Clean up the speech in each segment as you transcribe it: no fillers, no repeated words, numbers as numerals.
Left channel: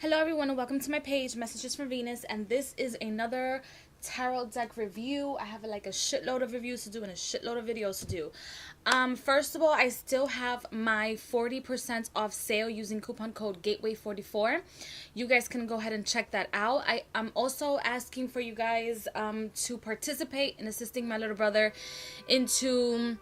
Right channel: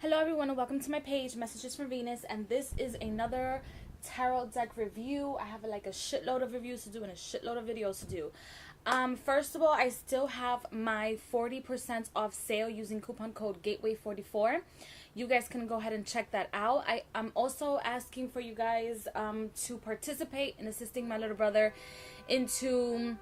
Hello everyone and welcome to my page, Messages from Venus, and this is another tarot deck review. I have like a shitload of reviews to do and a shitload of videos to do. First of all, I still have my 40% off sale using coupon code Gateway44. You guys can go ahead and check that out. I'm also asking for you guys to participate in assisting my little brother into...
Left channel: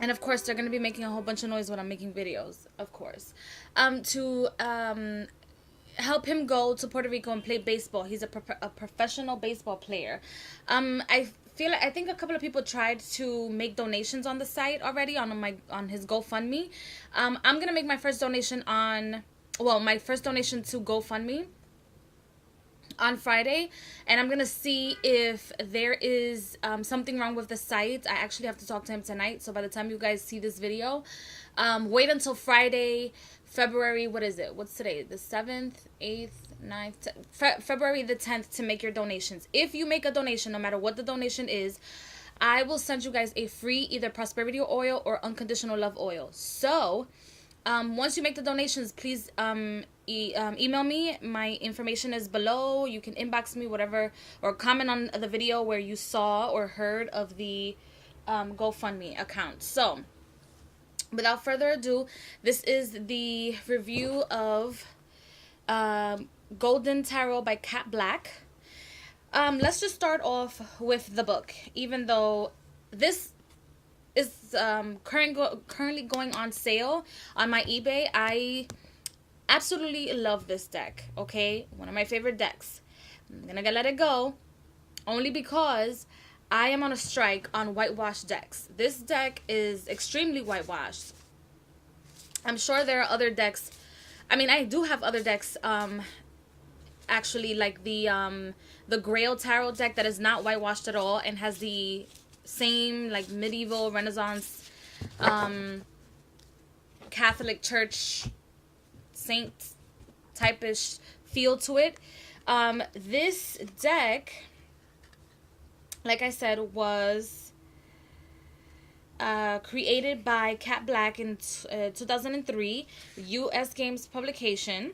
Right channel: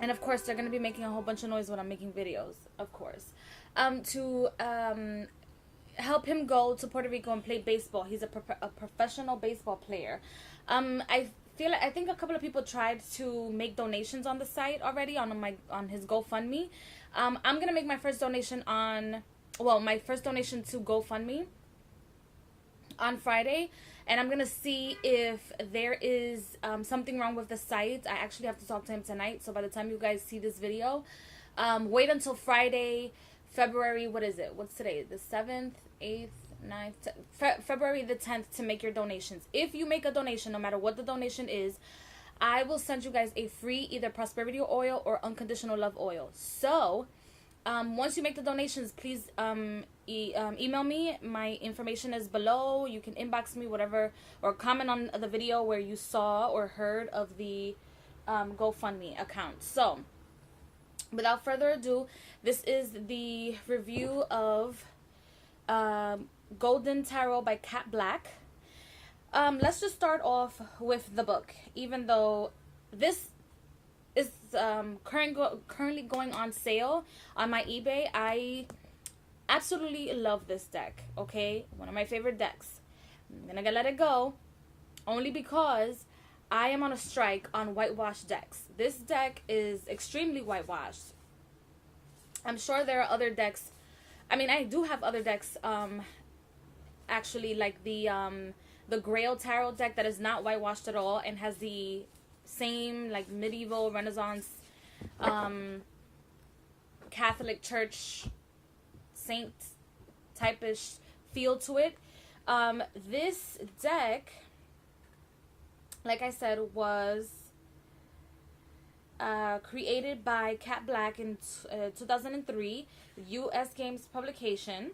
And of course, they're going to be making a whole bunch of noise when I'm making videos, of course. To help him go to Puerto Rico and play baseball. He's a professional baseball player. I think a couple of people tried to make donations on the site already on his GoFundMe. I'm going to make my first donation my first donation to GoFundMe on Friday, and I'm gonna see if there is something wrong with the site. I actually have to talk to him tonight, so by the time you guys see this video, wait until Friday, February, what's today, the 7th, 8th, 9th, February the 10th, to make your donations. If you make a donation, no matter what the donation is, I will send you guys a free either prosperity oil or unconditional love oil. So once you make the donations, please email me. My information is below. You can inbox me, whatever, or comment on the video where you saw or heard of the GoFundMe account. So, without further ado, this is the review of Golden Tarot by Cat Black. Let's just start off with the book, even though this is currently going on sale on my eBay. I absolutely love this deck, okay? One of my favorite decks. I'm gonna let it go only because I am on a strike on whitewashed decks. This deck is extremely whitewashed. I'm sure there are other decks. I mean, I do have other decks, actually, like the Grail Tarot deck that is not whitewashed at all and has the same like medieval Renaissance Catholic Church saint type-ish feel to it. This deck, like I said, was created by Cat Black in 2003, US Games publication,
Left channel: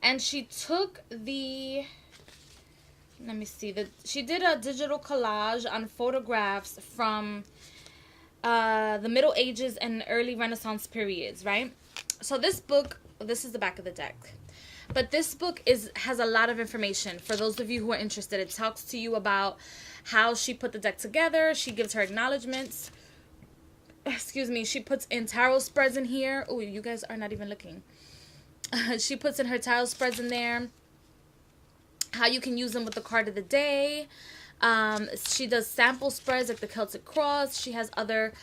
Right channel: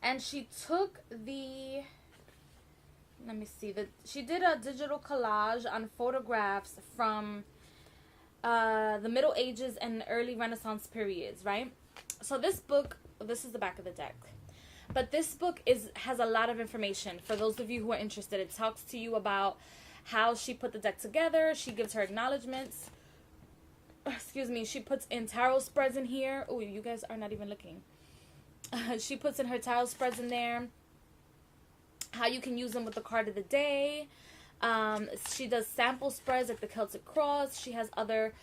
and she took the... Let me see. She did a digital collage on photographs from the Middle Ages and early Renaissance periods, right? So this book, this is the back of the deck. But this book has a lot of information for those of you who are interested. It talks to you about how she put the deck together. She gives her acknowledgments. Excuse me. She puts in tarot spreads in here. Oh, you guys are not even looking. She puts in her tarot spreads in there. How you can use them with the card of the day. She does sample spreads like the Celtic Cross. She has other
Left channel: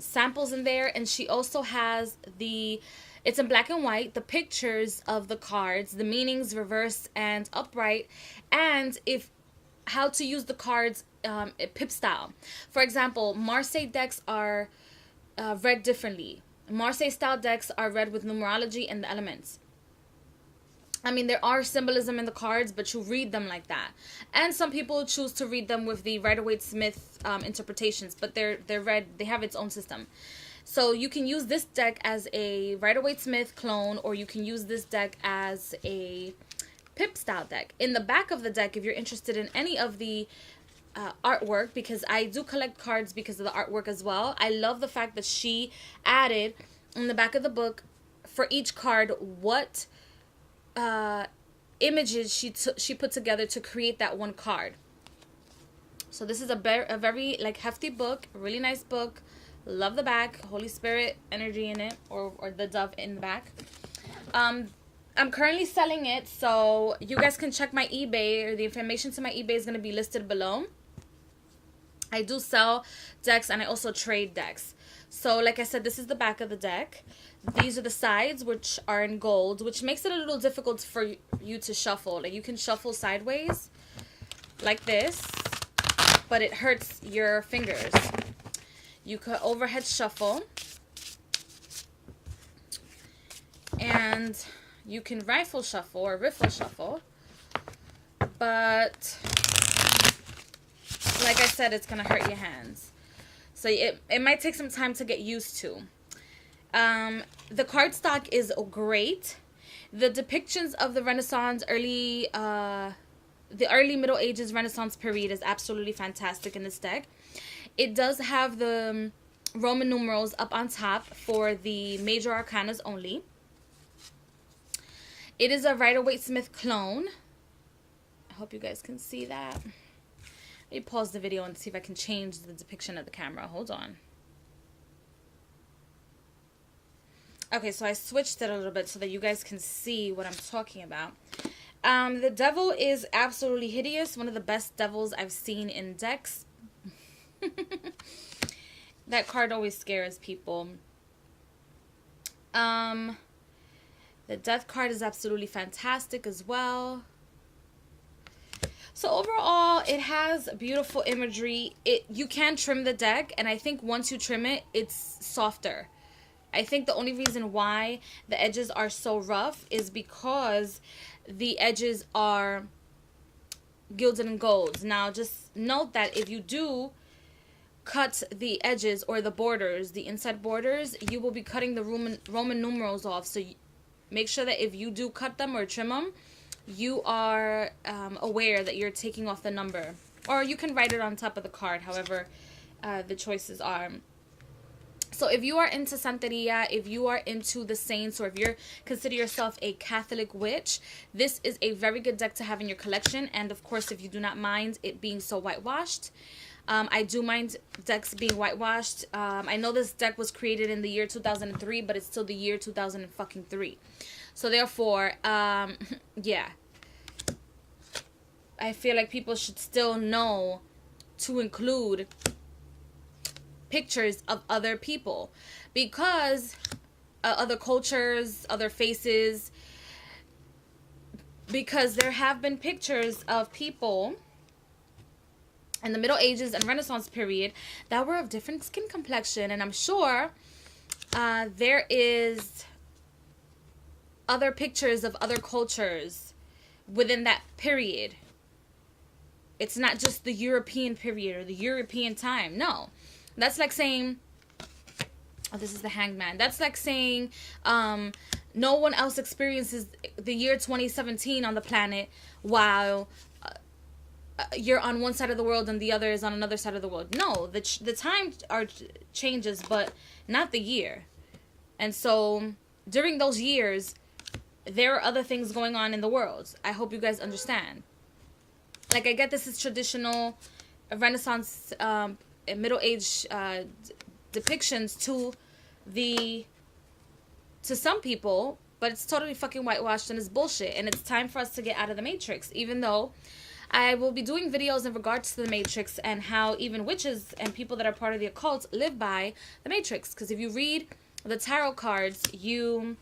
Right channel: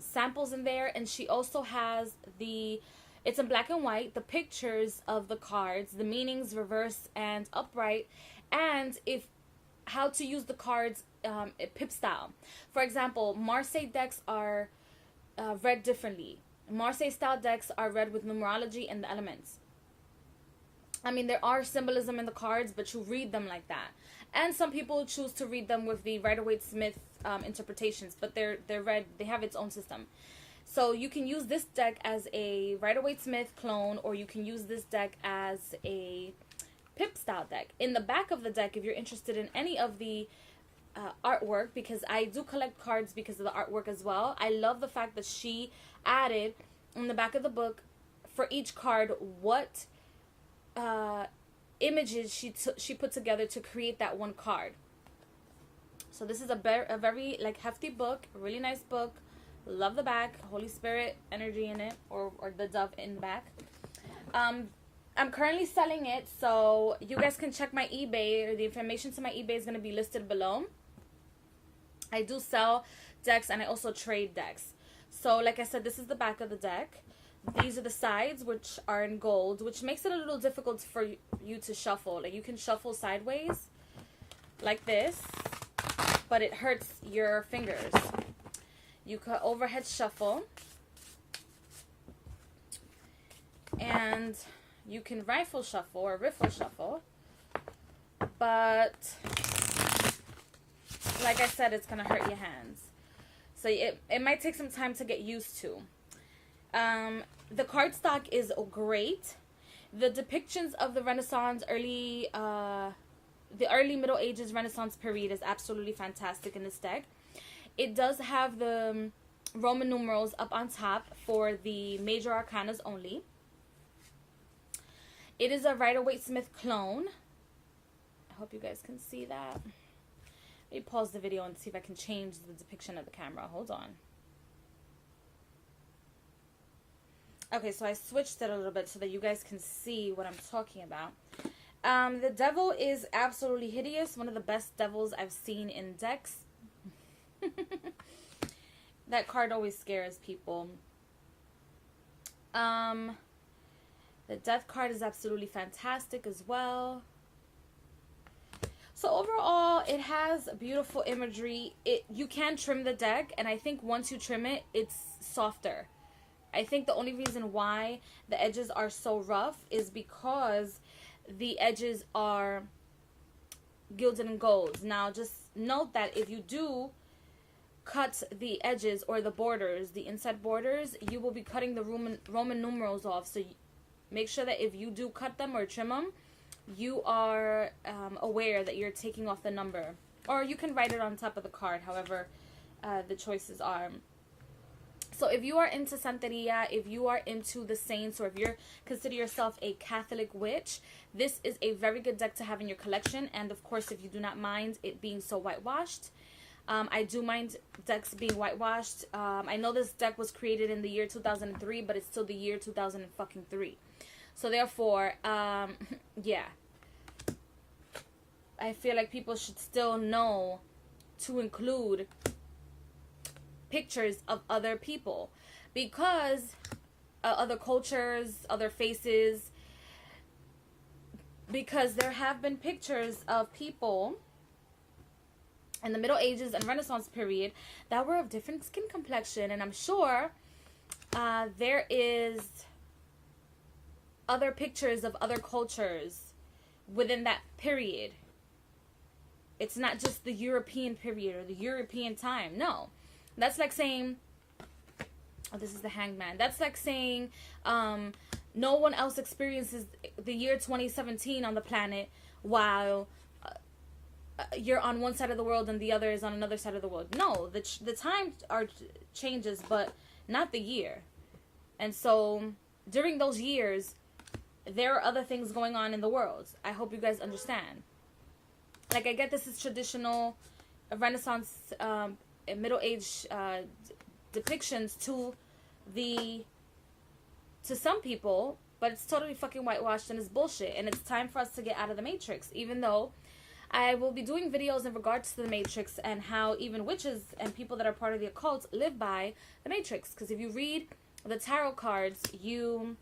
samples in there, and she also has it's in black and white, the pictures of the cards, the meanings reverse and upright, and how to use the cards pip style. For example, Marseille decks are read differently. Marseille style decks are read with numerology and the elements. I mean, there are symbolism in the cards, but you read them like that. And some people choose to read them with the Rider-Waite-Smith interpretations, but they're read, they have its own system. So you can use this deck as a Rider-Waite-Smith clone, or you can use this deck as a Pip style deck. In the back of the deck, if you're interested in any of the artwork, because I do collect cards because of the artwork as well, I love the fact that she added in the back of the book for each card what images she put together to create that one card. So this is a very like hefty book, really nice book. Love the back, Holy Spirit energy in it, or the dove in the back. I'm currently selling it, so you guys can check my eBay, or the information to my eBay is going to be listed below. I do sell decks, and I also trade decks. So like I said, this is the back of the deck. These are the sides, which are in gold, which makes it a little difficult for you to shuffle. Like, you can shuffle sideways like this, but it hurts your fingers. You could overhead shuffle, and you can rifle shuffle or riffle shuffle, but like I said, it's going to hurt your hands. So it might take some time to get used to. The cardstock is great. The depictions of the Renaissance, the early Middle Ages Renaissance period is absolutely fantastic in this deck. It does have the Roman numerals up on top for the major arcanas only. It is a Rider-Waite-Smith clone. I hope you guys can see that. Let me pause the video and see if I can change the depiction of the camera. Hold on. Okay, so I switched it a little bit so that you guys can see what I'm talking about. The devil is absolutely hideous. One of the best devils I've seen in decks. That card always scares people. The death card is absolutely fantastic as well. So overall, it has beautiful imagery. You can trim the deck, and I think once you trim it, it's softer. I think the only reason why the edges are so rough is because the edges are gilded and gold. Now, just note that if you do cut the edges or the borders, the inside borders, you will be cutting the Roman numerals off. So make sure that if you do cut them or trim them, you are aware that you're taking off the number. Or you can write it on top of the card, however the choices are. So if you are into Santeria, if you are into the saints, or if you consider yourself a Catholic witch, this is a very good deck to have in your collection. And of course, if you do not mind it being so whitewashed, I do mind decks being whitewashed. I know this deck was created in the year 2003, but it's still the year 2003. So therefore, yeah, I feel like people should still know to include pictures of other people, because other cultures, other faces, because there have been pictures of people in the Middle Ages and Renaissance period that were of different skin complexion, and I'm sure there is other pictures of other cultures within that period. It's not just the European period or the European time. No. That's like saying, oh, this is the Hanged Man. That's like saying no one else experiences the year 2017 on the planet while you're on one side of the world and the other is on another side of the world. No, the time changes, but not the year. And so during those years, there are other things going on in the world. I hope you guys understand. Like, I get this is traditional Renaissance Middle Age depictions to some people, but it's totally fucking whitewashed and it's bullshit, and it's time for us to get out of the Matrix. Even though I will be doing videos in regards to the Matrix and how even witches and people that are part of the occult live by the Matrix, because if you read the tarot cards, you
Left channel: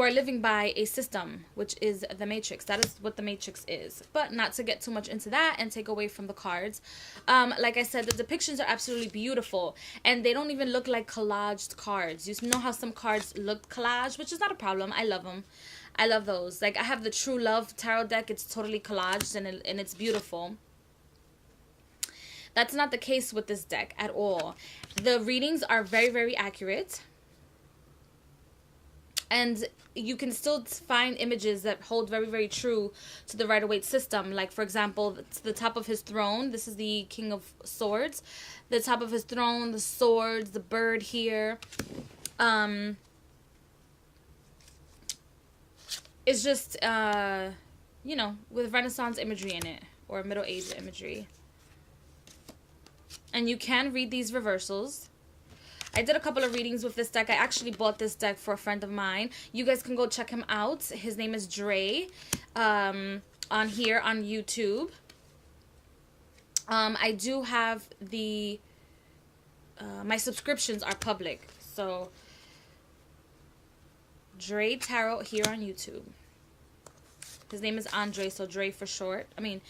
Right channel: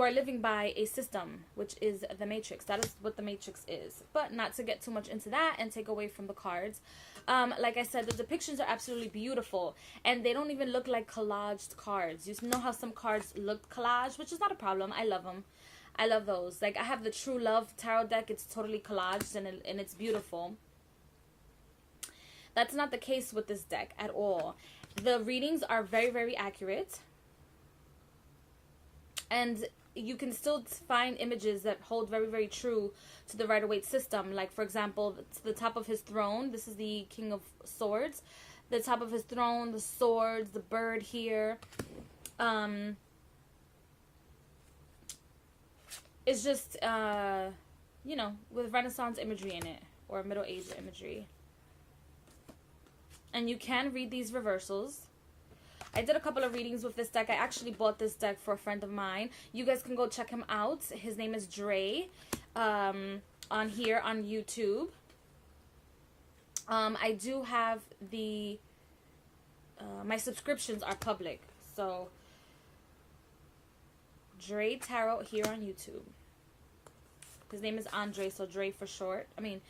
are living by a system, which is the Matrix. That is what the Matrix is. But not to get too much into that and take away from the cards. Like I said, the depictions are absolutely beautiful. And they don't even look like collaged cards. You know how some cards look collaged, which is not a problem. I love them. I love those. Like, I have the True Love tarot deck. It's totally collaged and it's beautiful. That's not the case with this deck at all. The readings are very, very accurate. And you can still find images that hold very, very true to the Rider-Waite system. Like, for example, the top of his throne. This is the King of Swords. The top of his throne, the swords, the bird here. It's just, you know, with Renaissance imagery in it. Or Middle Age imagery. And you can read these reversals. I did a couple of readings with this deck. I actually bought this deck for a friend of mine. You guys can go check him out. His name is Dre, on here on YouTube. I do have the, my subscriptions are public. So, Dre Tarot here on YouTube. His name is Andre, so Dre for short. I mean,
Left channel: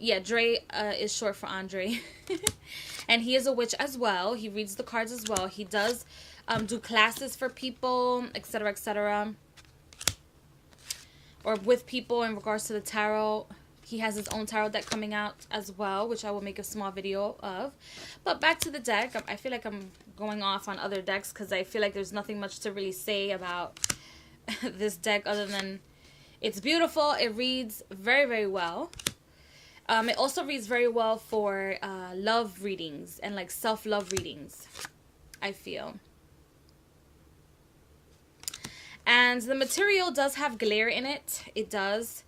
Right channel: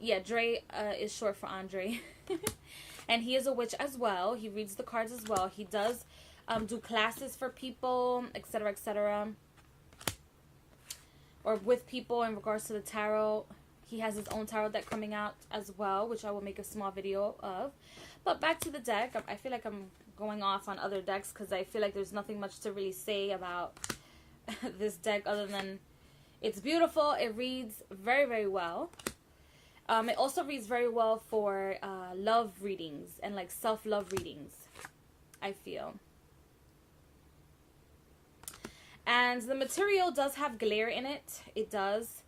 yeah, Dre is short for Andre. And he is a witch as well. He reads the cards as well. He does do classes for people, etc., etc. Or with people in regards to the tarot. he has his own tarot deck coming out as well, which I will make a small video of. But back to the deck. I feel like I'm going off on other decks because I feel like there's nothing much to really say about this deck other than it's beautiful. It reads very, very well. It also reads very well for love readings and like self-love readings, I feel. And the material does have glare in it. It does.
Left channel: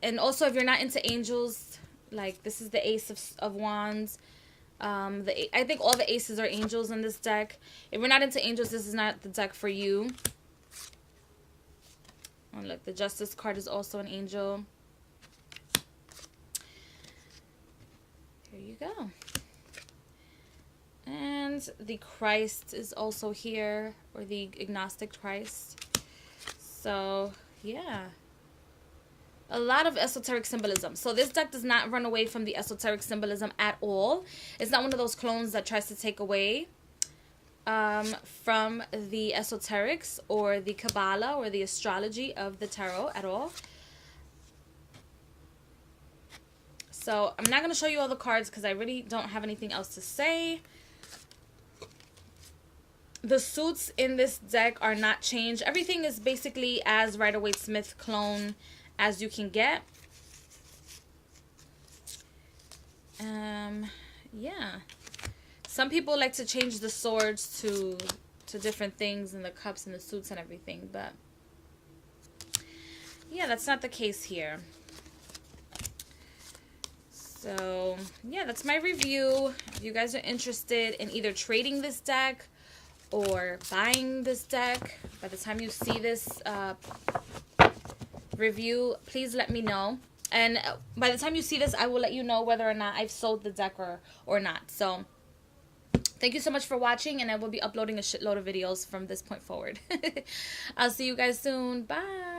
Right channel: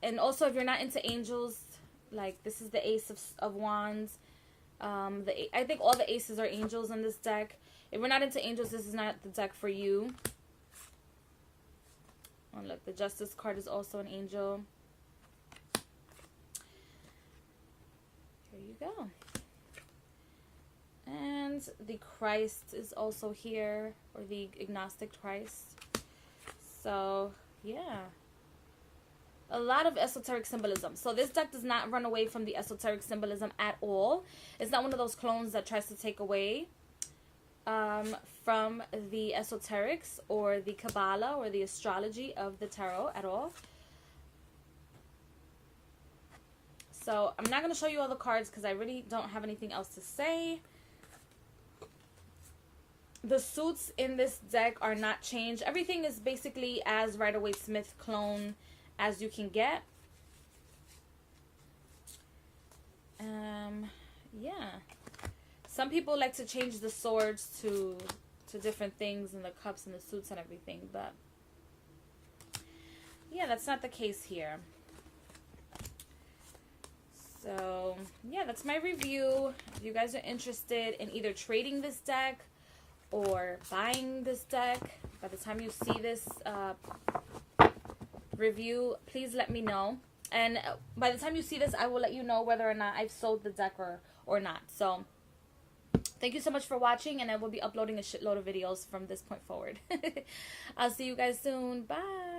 And also, if you're not into angels, like this is the Ace of Wands. I think all the aces are angels in this deck. If you're not into angels, this is not the deck for you. Oh, look, the Justice card is also an angel. There you go. And the Christ is also here, or the agnostic Christ. So, yeah. A lot of esoteric symbolism. So this deck does not run away from the esoteric symbolism at all. It's not one of those clones that tries to take away from the esoterics or the Kabbalah or the astrology of the tarot at all. So I'm not going to show you all the cards because I really don't have anything else to say. The suits in this deck are not changed. Everything is basically as Rider-Waite-Smith clone as you can get. Yeah. Some people like to change the swords to different things and the cups and the suits and everything, but yeah, that's not the case here. So, yeah, that's my review. If you guys are interested in either trading this deck or buying this deck, by the time you see this review, please let me know. And by the time you see this, I will let you know whether or not I've sold the deck or not. So, thank you so much for watching, and I will be uploading a shitload of videos from this point forward. I'll see you guys soon. Bye.